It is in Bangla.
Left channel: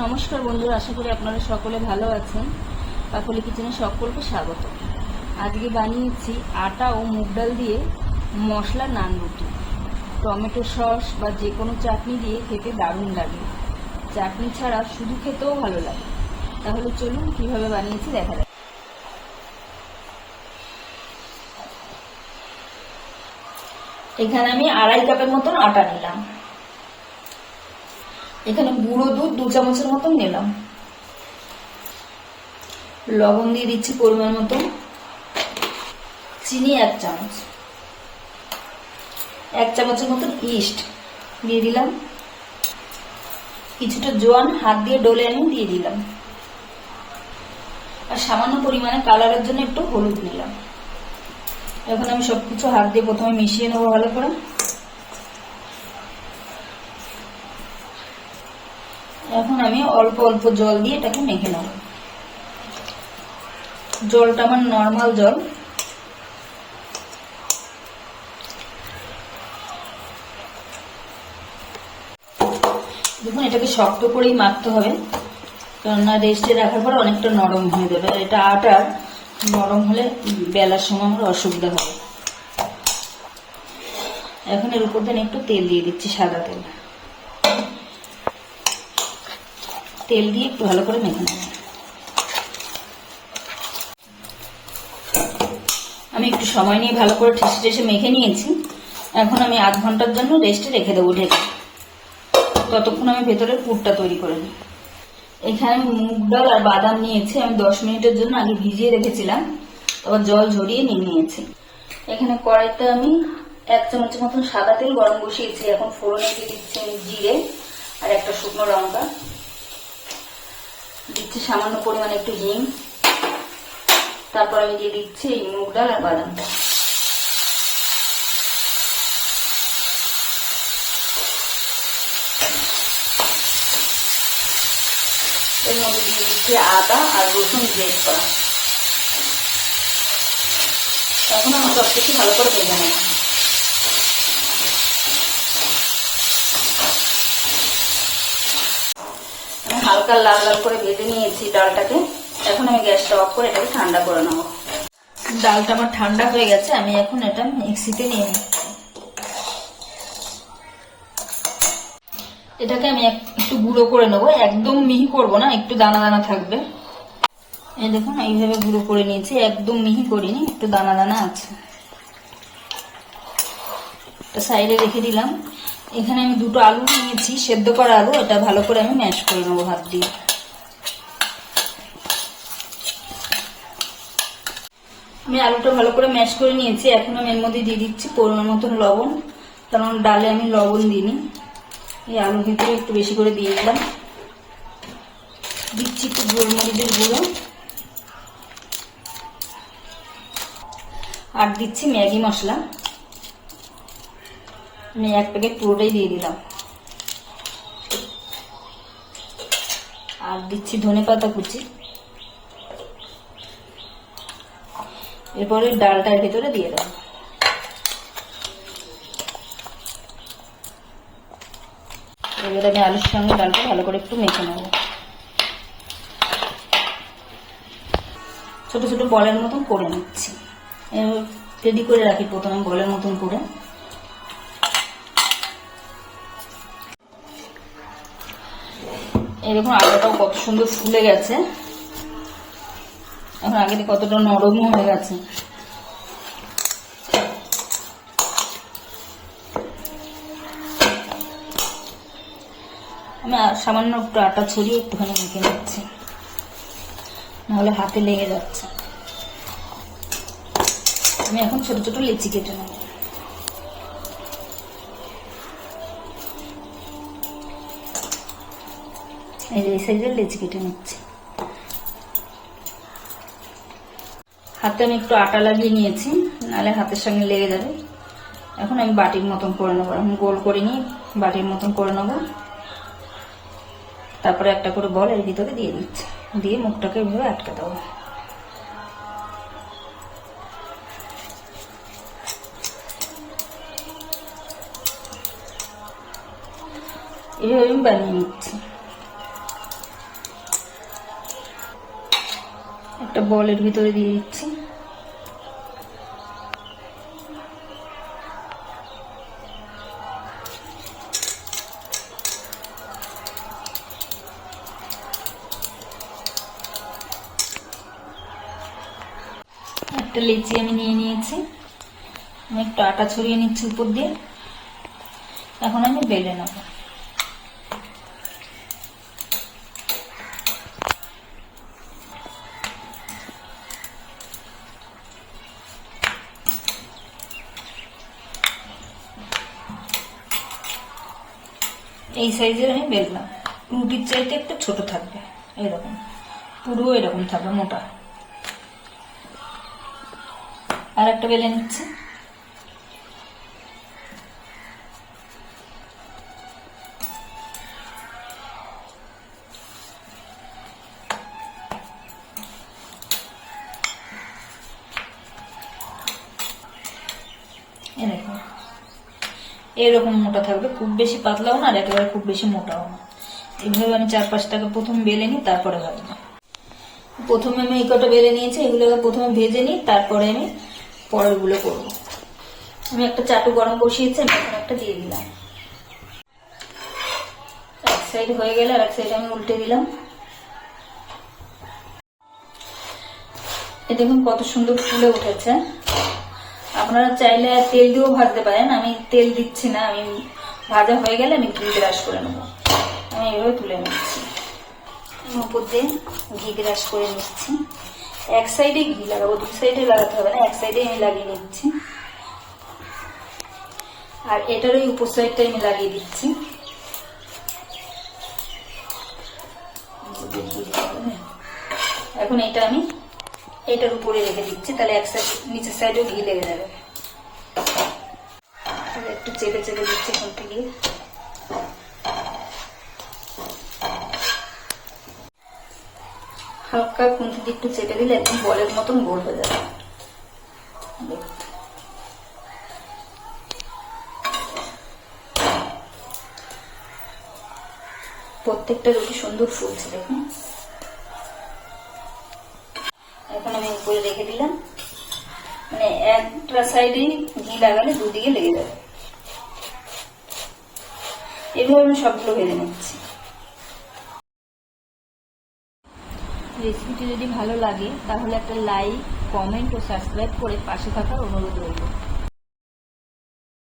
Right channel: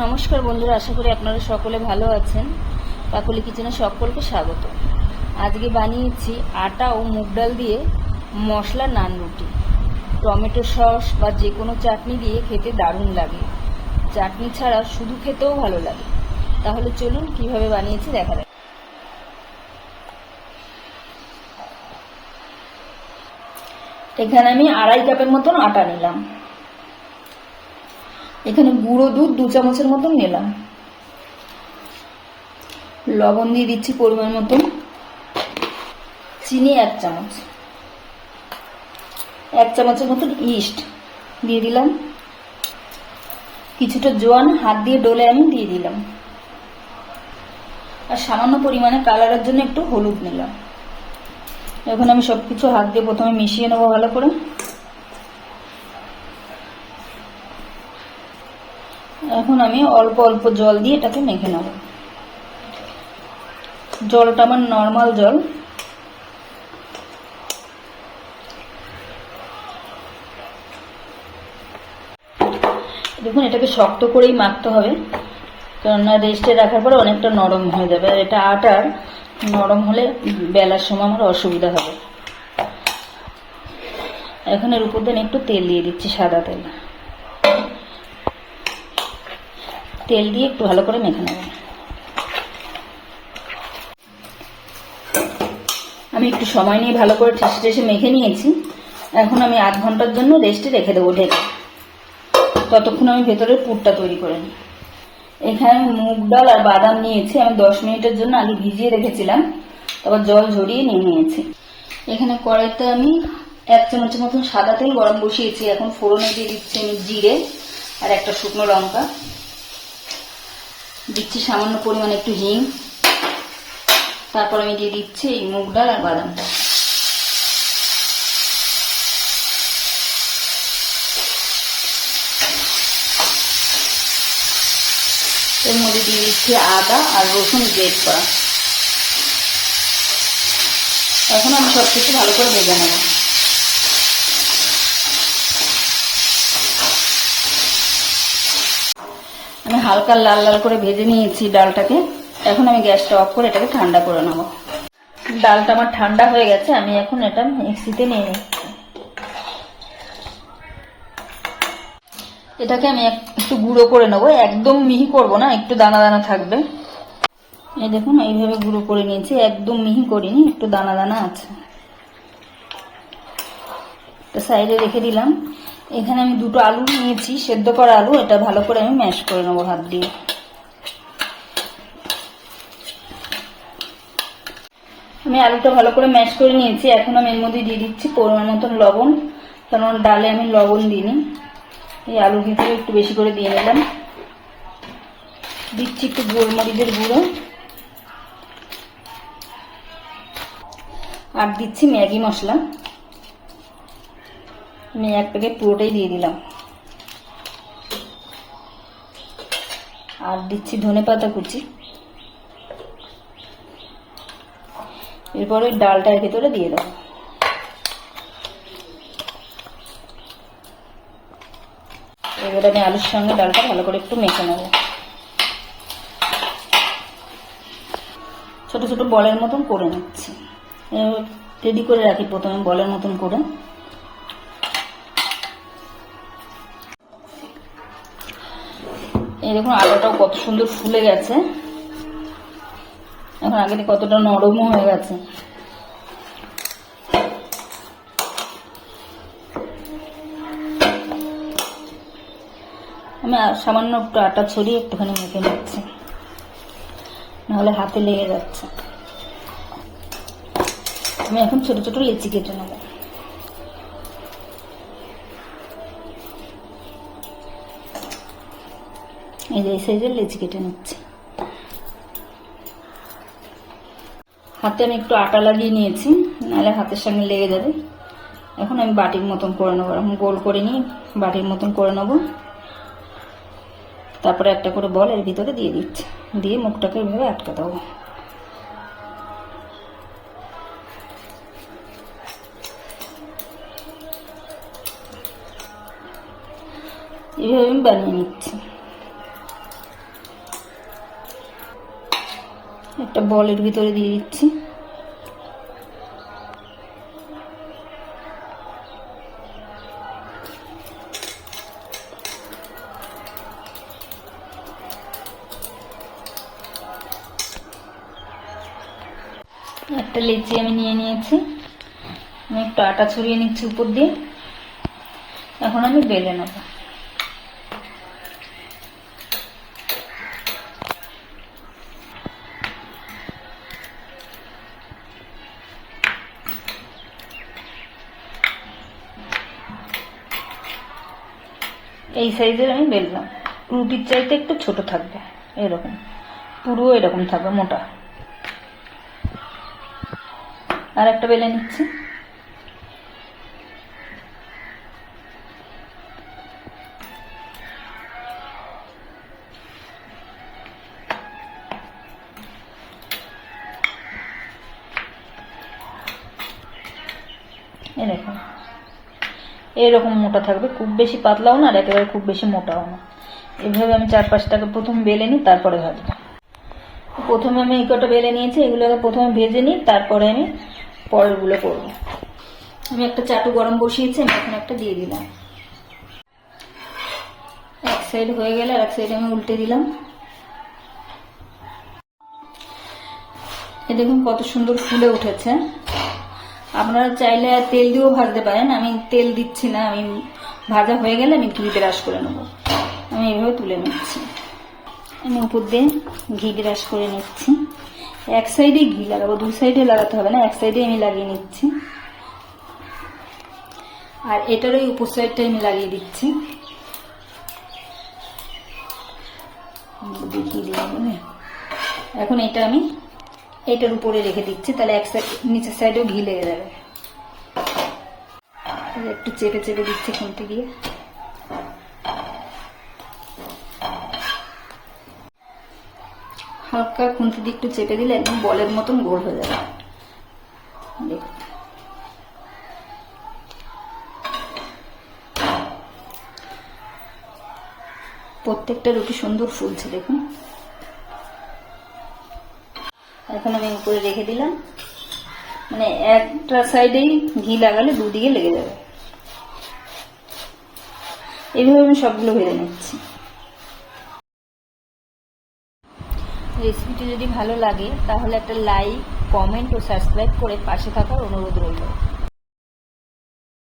নমস্কার বন্ধুরা, আশা করি আপনারা সকলে ভালো আছেন। কাকলি কিচেনে সকলকে স্বাগত। আজকে বানিয়েছি আটা ও মুগ ডাল দিয়ে মশলা নান রুটি। টমেটো সস বা যে কোনো চাটনি দিয়ে খেতে দারুণ লাগে। চাটনি ছাড়া শুধু খেতেও ভালো লাগে। তাহলে চলুন কিভাবে বানিয়েছি দেখা যাক। এখানে আমি 2.5 কাপের মতন আটা নিলাম। এখানে গুঁড়ো দুধ 2 চামচের মতন নিলাম। লবণ দিয়ে দিচ্ছি পরিমাণ মতো, চিনি 1 চামচ, 1 চামচের মতো ইস্ট দিয়ে দিলাম, কিছুটা জল হাত দিয়ে ডলে আমি দিয়ে দিলাম, আর সামান্য পরিমাণে কালারের জন্য একটু হলুদ দিলাম। এখন আমি সবকিছু হাত দিয়ে প্রথমে মিশিয়ে নেবো ভালো করে। এখন আমি অল্প অল্প জল দিয়ে এটাকে মেখে নেব। জলটা আমার নর্মাল জল। দেখুন, এটাকে শক্ত করেই মাখতে হবে, কেননা রেস্টে রাখার পরে অনেকটা নরম হয়ে যাবে। আর এটা আটা নরম হলে বেলার সময় আমার অসুবিধা হবে। এখন এর উপরে আমি একটু তেল দিয়ে দিচ্ছি, সাদা তেল। তেল দিয়ে একটু ভালো করে মেখে নেব। আমি একটু সময় নিয়ে ভালো করে ঠেসে ঠেসে মেখে নিয়েছি। এখন আমি আধ ঘন্টার জন্য রেস্টে রেখে দেবো ঢেকে। ততক্ষণ আমি ভেতরের পুরটা তৈরি করে নিই। এখানে মুগ ডাল আর বাদাম নিয়েছি। আমি 10 মিনিটের জন্য আগে ভিজিয়ে রেখেছিলাম, তারপর জল ঝরিয়ে নিয়ে নিয়েছি। এখানে কড়াইতে আমি 1 চামচের মতন সাদা তেল গরম বসিয়েছি। এখন ফোড়নে দিয়ে দিচ্ছি আমি জিরে আর একটা শুকনো লঙ্কা, দিচ্ছি সামান্য পরিমাণে একটু হিং, তারপর আমি দিয়ে দিচ্ছি এই মুগ ডাল আর বাদামটা। এর মধ্যে দিয়ে দিচ্ছি আদা আর রসুন গ্রেট করা। তখন আমি সব কিছু ভালো করে ভেজে নেব। আমি হালকা লাল লাল করে ভেজে নিয়েছি ডালটাকে। এখন আমি গ্যাসটা অফ করে এটাকে ঠান্ডা করে নেব। ডালটা আমার ঠান্ডা হয়ে গেছে। আমি এখন এটা মিক্সিতে নিয়ে নিচ্ছি। এটাকে আমি একটু গুঁড়ো করে নেবো, একদম মিহি করবো না, একটু দানা দানা থাকবে। এই দেখুন, এইভাবে গুঁড়ো করে নিয়েছি, একদম মিহি করিনি, একটু দানা দানা আছে। এটা সাইডে রেখে দিলাম। এখানে আমি 2টো আলু নিয়েছি, সেদ্ধ করা আলু। এটা ভালো করে আমি ম্যাশ করে নেবো হাত দিয়ে। আমি আলুটা ভালো করে ম্যাশ করে নিয়েছি। এখন আমি এর মধ্যে দিয়ে দিচ্ছি পরিমাণ মতন লবণ, কারণ ডালে আমি লবণ দিইনি। এই আলুর ভিতরে একটু বেশি করে দিয়ে দিলাম। দিচ্ছি একটু গোলমরিচের গুঁড়ো, আর দিচ্ছি ম্যাগি মশলা। আমি 1 প্যাকেট পুরোটাই দিয়ে দিলাম। আর দিচ্ছি ধনেপাতা কুচি। এরপরে ডালটার ভেতরে দিয়ে দেবো। এবারে আমি আলুর সঙ্গে ডালটা ভালো করে একটু মেখে নেব। ছোট ছোট বলের মতন করে নিচ্ছি। রেডি করে রাখি প্রথমে বলের মতন করে। এই দেখুন, আলুটা কত সুন্দর ফুলে গেছে। এখন আগে কতটা নরম হয়ে গেছে। আমি সামান্য একটু আটা ছড়িয়ে একটুখানি মেখে নিচ্ছি, নাহলে হাতে লেগে যাচ্ছে। আমি এখন ছোট ছোট লেচি কেটে নেব। এই সাইজের লেচি কেটে নিচ্ছি। হাতে আমি একটু আটা লাগিয়ে নিয়েছি, নাহলে হাতের সঙ্গে লেগে যাবে। এখন আমি বাটির মতন করে নেবো। এখন গোল করে নিই, বাটির মতন করে নেবো। তারপরে একটা করে বল এর ভিতরে দিয়ে দিচ্ছি, দিয়ে মুখটাকে এইভাবে আটকাতে হবে। এইভাবে আমি বানিয়ে নিচ্ছি। একটা বলের ভিতরে দিয়ে দিচ্ছি। একটা লেচি আমি নিয়ে নিয়েছি, আমি একটু আটা ছড়িয়ে নিচ্ছি উপর দিয়ে। এখন আমি বেলে নেব। এই সাইজের আমি বেললাম, রুটির চাইতে একটু ছোট থাকবে, এরকম পুরো এরকম থাকবে মোটা। আর একটা বেলে নিচ্ছি। এরকম এরকম মোটা থাকবে, খুব বেশি পাতলাও না আর একেবারে খুব বেশি মোটাও না। এইভাবে আমি 4-5টাকে প্রথম বেলে নিই, তারপরে ভাজবো। প্রথমে আমি এই কটা বেলে নিয়েছি, এগুলোকে প্রথমে ভেজে নিই, তারপরে আমি পরেরগুলো করবো। আমি একটা চাটু গরম বসিয়েছি, আমি এখন একটা দিয়ে দিলাম। এক সাইড হয়ে গেলে আর এক সাইড আমি উল্টে দিলাম। এই দেখুন কত সুন্দর ফুলে উঠেছে। আপনারা চাইলে তেল দিয়েও ভাজতে পারেন, আমি তেল দিচ্ছি না, আমি ভাজা হয়ে গেলে আমি ঘি ব্রাশ করে নেব। আমি এভাবে তুলে নিচ্ছি, আমি উপর দিয়ে ঘি ব্রাশ করে নিচ্ছি। এক সাইডে ঘি লাগাবো, দুই সাইডে লাগাতে হবে না, এক সাইডে আমি লাগিয়ে নিচ্ছি। আর এটার ওই উপর সাইডটা আমি লাগিয়ে দিচ্ছি। এখন এটা আমি এটার উপরে রেখে দিচ্ছি, তাহলে এক সাইড নিচের সাইডেও ঘি লেগে যাবে। একটু চেপে চেপে দিচ্ছি খুঁটে গিয়ে। হালকা খুঁটে দিয়ে একটু চেপে দিলে একদম বলের মতন গোল হয়ে যাবে। প্রত্যেকটা রুটি সুন্দর ফুলছে দেখুন। এখন আমি উপরে রেখে দিলাম, মানে একটা সাইডেই ঘি লাগালে দুদিকে লেগে যাবে। এভাবে আমি সবগুলো ভেজে নিচ্ছি। রেসিপিটি যদি ভালো লাগে তাহলে একটা লাইক, কমেন্ট ও সাবস্ক্রাইব করে পাশে থাকার অনুরোধ রইল।